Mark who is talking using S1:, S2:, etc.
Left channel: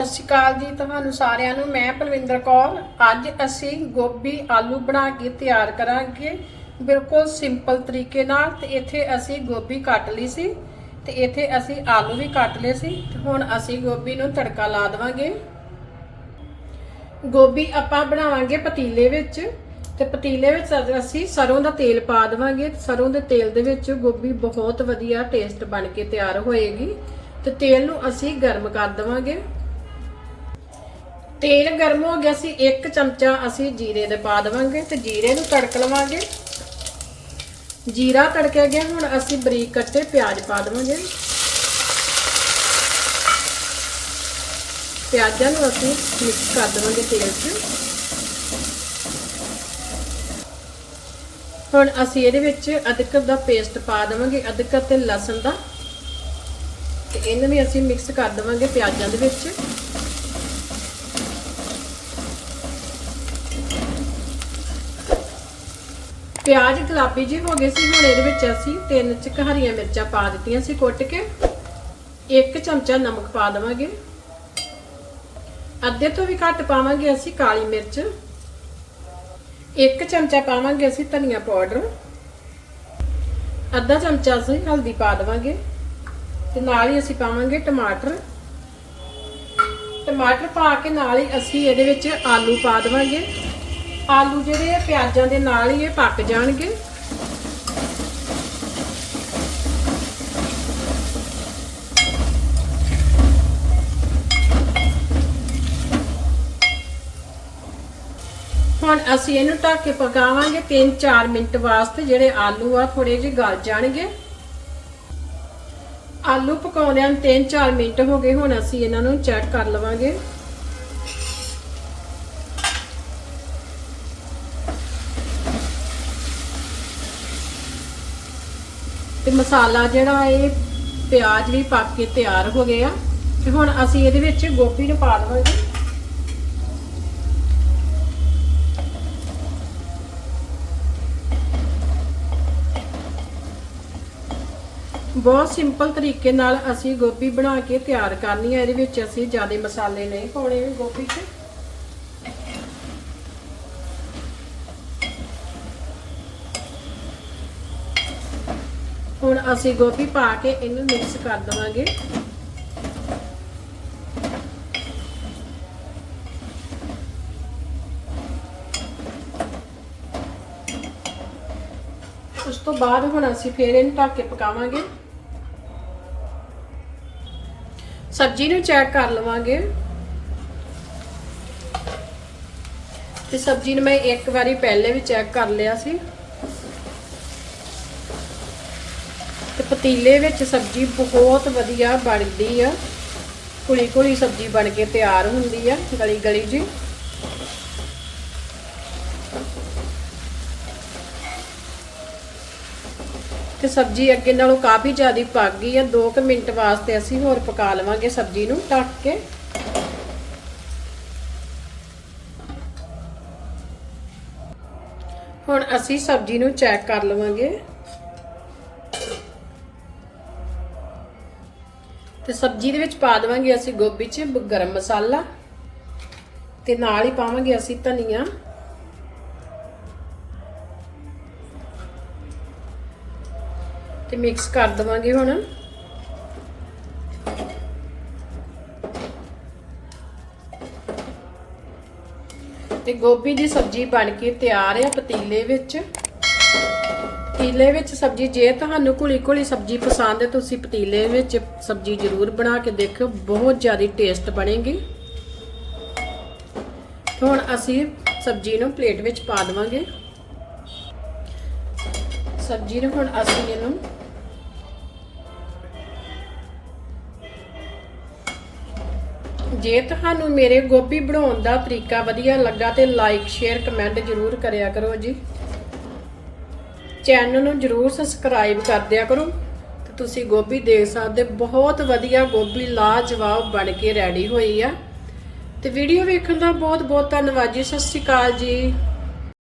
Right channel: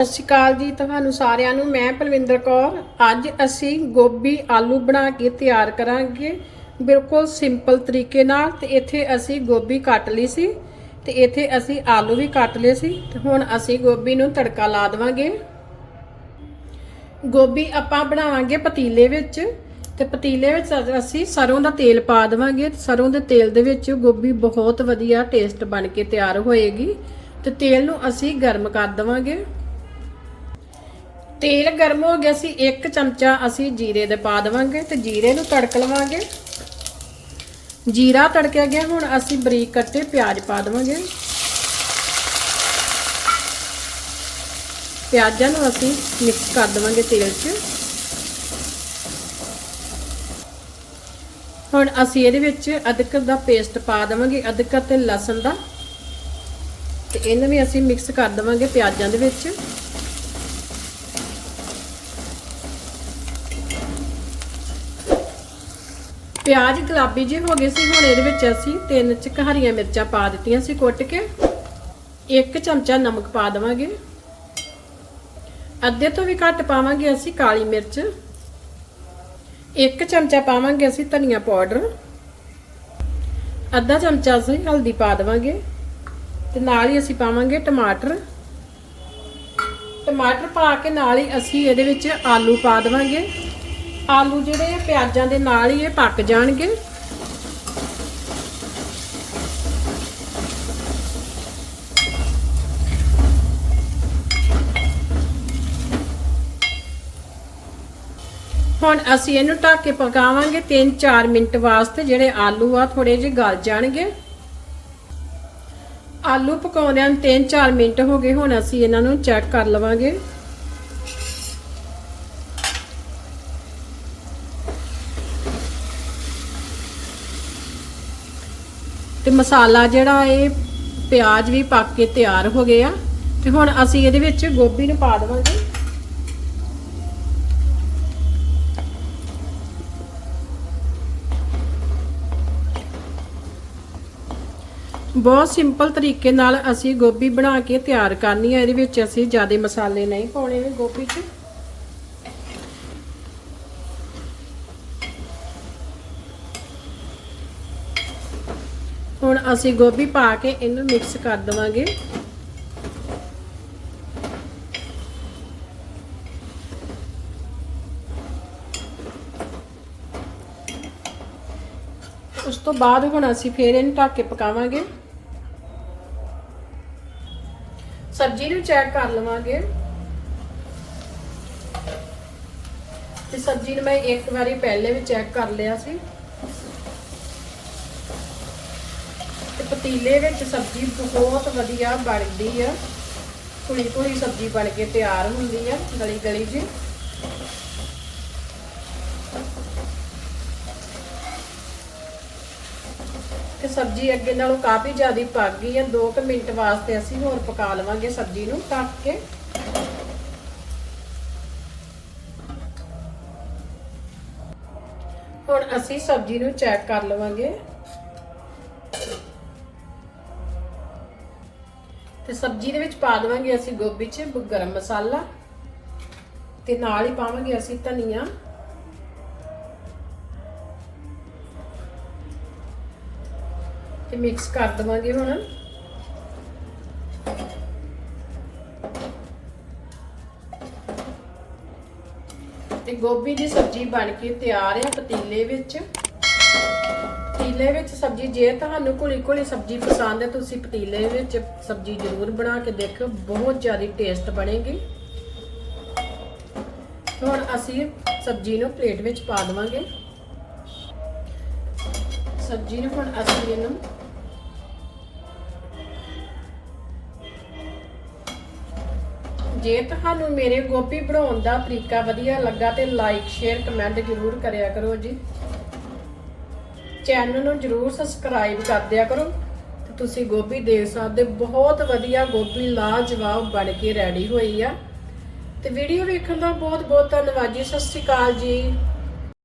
S1: ਸਤਿ ਸ਼੍ਰੀ ਅਕਾਲ ਜੀ, ਤੁਹਾਨੂੰ ਸਾਰਿਆਂ ਨੂੰ, ਮੈਂ ਪਲਵਿੰਦਰ ਕੌਰ। ਅੱਜ ਅਸੀਂ ਗੋਭੀ ਆਲੂ ਬਣਾ ਕੇ ਤਿਆਰ ਕਰਾਂਗੇ। ਬਿਲਕੁਲ ਸਿੰਪਲ ਤਰੀਕੇ ਨਾਲ ਤੇ ਇੱਥੇ ਅਸੀਂ ਗੋਭੀ ਕੱਟ ਲਈ ਸੀ ਤੇ ਇੱਥੇ ਅਸੀਂ ਆਲੂ ਵੀ ਕੱਟ ਲਏ ਸੀ ਤੇ ਹੁਣ ਅਸੀਂ ਗੋਭੀ ਨੂੰ ਤੜਕਾ ਲਾ ਦੇਵਾਂਗੇ। ਗੋਭੀ ਆਪਾਂ ਬਣਾਵਾਂਗੇ ਪਤੀਲੇ ਵਿੱਚ ਤੇ ਪਤੀਲੇ ਵਿੱਚ ਅਸੀਂ ਸਰੋਂ ਦਾ ਤੇਲ ਪਾ ਦੇਵਾਂਗੇ। ਸਰੋਂ ਦੇ ਤੇਲ ਦੇ ਵਿੱਚ ਗੋਭੀ ਬਹੁਤ ਵਧੀਆ ਟੇਸਟ ਬਣ ਕੇ ਤਿਆਰ ਹੋਏਗੀ ਤੇ ਤੇਲ ਨੂੰ ਅਸੀਂ ਗਰਮ ਕਰ ਦੇਵਾਂਗੇ। ਤੇਲ ਗਰਮ ਹੋ ਗਿਆ ਸੀ, ਇੱਕ ਚਮਚਾ ਅਸੀਂ ਜੀਰੇ ਦੇ ਪਾ ਦੇਵਾਂਗੇ ਤੇ ਜੀਰੇ ਨੂੰ ਤੜਕ ਲਵਾਂਗੇ। ਜੀਰਾ ਤੜਕਿਆ ਗਿਆ, ਹੁਣ ਅਸੀਂ ਬਰੀਕ ਕੱਟੇ ਪਿਆਜ਼ ਪਾ ਦੇਵਾਂਗੇ। ਪਿਆਜ਼ਾਂ ਨੂੰ ਅਸੀਂ ਮਿਕਸ ਕਰ ਦੇਵਾਂਗੇ ਤੇਲ 'ਚ। ਹੁਣ ਅਸੀਂ ਇਹਦੇ ਵਿੱਚ ਅਦਰਕ ਦਾ ਪੇਸਟ ਪਾ ਦੇਵਾਂਗੇ, ਅਦਰਕ ਤੇ ਲਸਣ ਦਾ। ਤੇ ਇਹਨੂੰ ਵੀ ਅਸੀਂ ਮਿਕਸ ਕਰ ਦੇਵਾਂਗੇ ਪਿਆਜ਼ਾਂ ਦੇ ਵਿੱਚ। ਪਿਆਜ਼ ਗੁਲਾਬੀ ਜਿਹੇ ਹੋ ਗਏ ਸੀ, ਹੁਣ ਇਹਦੇ ਵਿੱਚ ਅਸੀਂ ਤਿੰਨ ਚ ਹਰੀਆਂ ਮਿਰਚਾਂ ਪਾ ਦਿੱਤੀਆਂ ਸੀ ਕੁੱਟ ਕੇ। ਇੱਕ ਚਮਚਾ ਨਮਕ ਪਾ ਦੇਵਾਂਗੇ। ਅੱਧੇ ਤੋਂ ਵੀ ਘੱਟ ਪਾਵਾਂਗੇ ਅਸੀਂ ਕਾਲੀ ਮਿਰਚ। ਇੱਕ ਚਮਚਾ ਪਾਵਾਂਗੇ ਅਸੀਂ ਧਨੀਆ ਪਾਊਡਰ। ਅੱਧਾ ਚਮਚਾ ਅਸੀਂ ਹਲਦੀ ਪਾ ਦੇਵਾਂਗੇ। ਤੇ ਨਾਲ ਹੀ ਅਸੀਂ ਪਾਵਾਂਗੇ ਟਮਾਟਰ। ਟਮਾਟਰ ਪਾ ਕੇ ਨਾਲ ਹੀ ਅਸੀਂ ਇਹਦੇ ਵਿੱਚ ਆਲੂ ਪਾ ਦੇਵਾਂਗੇ। ਆਲੂ ਜਿਹੜੇ ਪਿਆਜ਼ਾਂ ਦੇ ਨਾਲ ਹੀ ਇਹ ਪੱਕ ਜਾਣਗੇ। ਹੁਣ ਅਸੀਂ ਇਹਨੂੰ ਢੱਕ ਕੇ ਪਕਾਵਾਂਗੇ 3-4 ਮਿੰਟ ਵਾਸਤੇ, ਜਿਹੜੇ ਆਲੂ ਆ ਥੋੜੇ ਜਿਹੇ ਗਲ ਜਾਣਗੇ। ਆਲੂ ਪਕਾਉਂਦਿਆਂ ਨੂੰ 3-4 ਮਿੰਟ ਹੋ ਗਏ, ਹੁਣ ਅਸੀਂ ਇਹਨਾਂ ਨੂੰ ਚੈੱਕ ਕਰ ਲਵਾਂਗੇ। ਤੇ ਮਸਾਲਾ ਜਿਹੜਾ ਇਹ ਪਿਆਜ਼ ਵੀ ਪੱਕ ਕੇ ਤਿਆਰ ਹੋ ਗਏ ਆ। ਤੇ ਹੁਣ ਅਸੀਂ ਇਹਦੇ ਵਿੱਚ ਗੋਭੀ ਨੂੰ ਪਾ ਦੇਵਾਂਗੇ। ਬਹੁਤ ਸਿੰਪਲ ਤਰੀਕੇ ਨਾਲ ਅਸੀਂ ਗੋਭੀ ਬਣਾ ਕੇ ਤਿਆਰ ਕਰਨੀ ਹੈ ਇਹਦੇ ਵਿੱਚ ਅਸੀਂ ਜ਼ਿਆਦਾ ਮਸਾਲੇ ਨਹੀਂ ਪਾਉਣੇ ਗੋਭੀ 'ਚ। ਹੁਣ ਅਸੀਂ ਗੋਭੀ ਪਾ ਕੇ ਇਹਨੂੰ ਮਿਕਸ ਕਰ ਦਵਾਂਗੇ। ਉਸ ਤੋਂ ਬਾਅਦ ਹੁਣ ਅਸੀਂ ਫੇਰ ਇਹਨੂੰ ਢੱਕ ਕੇ ਪਕਾਵਾਂਗੇ। ਸਬਜ਼ੀ ਨੂੰ ਚੈੱਕ ਕਰ ਲਵਾਂਗੇ। ਤੇ ਸਬਜ਼ੀ ਨੂੰ ਮੈਂ ਇੱਕ ਵਾਰੀ ਪਹਿਲੇ ਵੀ ਚੈੱਕ ਕਰ ਲਿਆ ਸੀ। ਪਤੀਲੇ ਵਿੱਚ ਸਬਜ਼ੀ ਬਹੁਤ ਵਧੀਆ ਬਣਦੀ ਆ। ਕੁਲੀ ਕੁਲੀ ਸਬਜ਼ੀ ਬਣ ਕੇ ਤਿਆਰ ਹੁੰਦੀ ਆ ਗਲੀ ਗਲੀ ਜੀ। ਤੇ ਸਬਜ਼ੀ ਅੱਗੇ ਨਾਲੋਂ ਕਾਫੀ ਜ਼ਿਆਦਾ ਪੱਕ ਗਈ ਆ। 2 ਮਿੰਟ ਵਾਸਤੇ ਅਸੀਂ ਹੋਰ ਪਕਾ ਲਵਾਂਗੇ ਸਬਜ਼ੀ ਨੂੰ ਢੱਕ ਕੇ। ਹੁਣ ਅਸੀਂ ਸਬਜ਼ੀ ਨੂੰ ਚੈੱਕ ਕਰ ਲਵਾਂਗੇ। ਤੇ ਸਬਜ਼ੀ ਦੇ ਵਿੱਚ ਪਾ ਦੇਵਾਂਗੇ ਅਸੀਂ ਗੋਭੀ 'ਚ ਗਰਮ ਮਸਾਲਾ ਤੇ ਨਾਲ ਹੀ ਪਾਵਾਂਗੇ ਅਸੀਂ ਧਨੀਆ। ਤੇ ਮਿਕਸ ਕਰ ਦਵਾਂਗੇ ਹੁਣ। ਤੇ ਗੋਭੀ ਦੀ ਸਬਜ਼ੀ ਬਣ ਕੇ ਤਿਆਰ ਹੈ ਪਤੀਲੇ ਵਿੱਚ। ਪਤੀਲੇ ਵਿੱਚ ਸਬਜ਼ੀ, ਜੇ ਤੁਹਾਨੂੰ ਘੁਲੀ ਘੁਲੀ ਸਬਜ਼ੀ ਪਸੰਦ ਹੈ, ਤੁਸੀਂ ਪਤੀਲੇ ਵਿੱਚ ਸਬਜ਼ੀ ਜ਼ਰੂਰ ਬਣਾ ਕੇ ਦੇਖੋ ਬਹੁਤ ਜ਼ਿਆਦਾ ਟੇਸਟ ਬਣੇਗੀ। ਹੁਣ ਅਸੀਂ ਸਬਜ਼ੀ ਨੂੰ ਪਲੇਟ ਵਿੱਚ ਪਾ ਦੇਵਾਂਗੇ। ਸਬਜ਼ੀ ਨੂੰ ਹੁਣ ਅਸੀਂ ਇਹਨੂੰ ਜੇ ਤੁਹਾਨੂੰ ਮੇਰੇ ਗੋਭੀ ਬਣਾਉਣ ਦਾ ਤਰੀਕਾ ਵਧੀਆ ਲੱਗਾ ਤੇ ਲਾਈਕ ਸ਼ੇਅਰ ਕਮੈਂਟ ਜ਼ਰੂਰ ਕਰਿਆ ਕਰੋ ਜੀ। ਚੈਨਲ ਨੂੰ ਜਰੂਰ ਸਬਸਕ੍ਰਾਈਬ ਕਰ ਦਿਆ ਕਰੋ ਤੇ ਤੁਸੀਂ ਗੋਭੀ ਦੇਖ ਸਕਦੇ ਬਹੁਤ ਵਧੀਆ ਗੋਭੀ ਲਾਜਵਾਬ ਬਣ ਕੇ ਰੈਡੀ ਹੋਈ ਆ। ਤੇ ਵੀਡੀਓ ਵੇਖਣ ਦਾ ਬਹੁਤ ਬਹੁਤ ਧੰਨਵਾਦ ਜੀ। ਸਤਿ ਸ਼੍ਰੀ ਅਕਾਲ ਜੀ।